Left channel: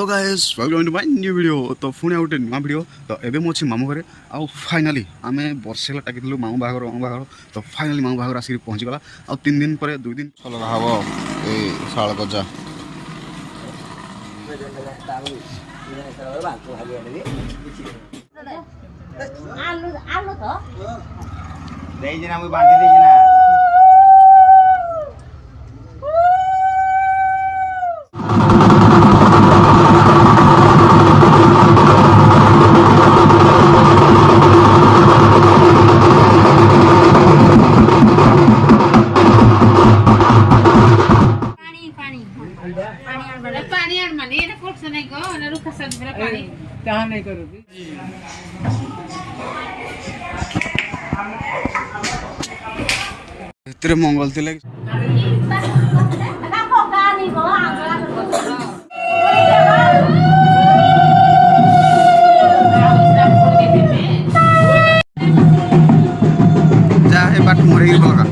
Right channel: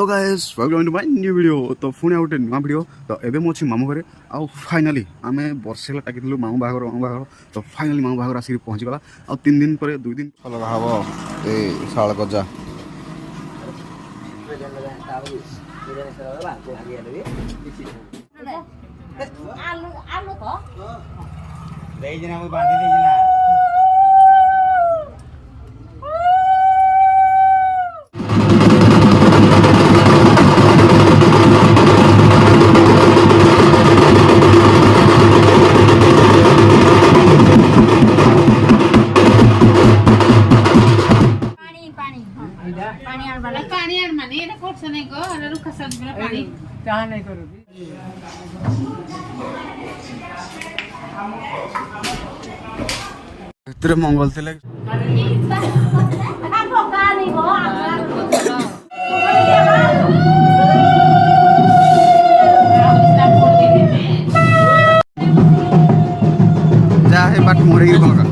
तो guys welcome to my new video. तो पुणी गोटे नुआ वीडियो। तो एवं मुझे मामू घरे आउ फाइनाली आम वर्षे टाकी मामू बाहर तो फाइनाली मामू बाहर आसिक पहुँचीगला। आ 3 दिन पर 2 दिन लगा हम ये शाल गजा मंगल थे जहाँ बाट मोरे लगा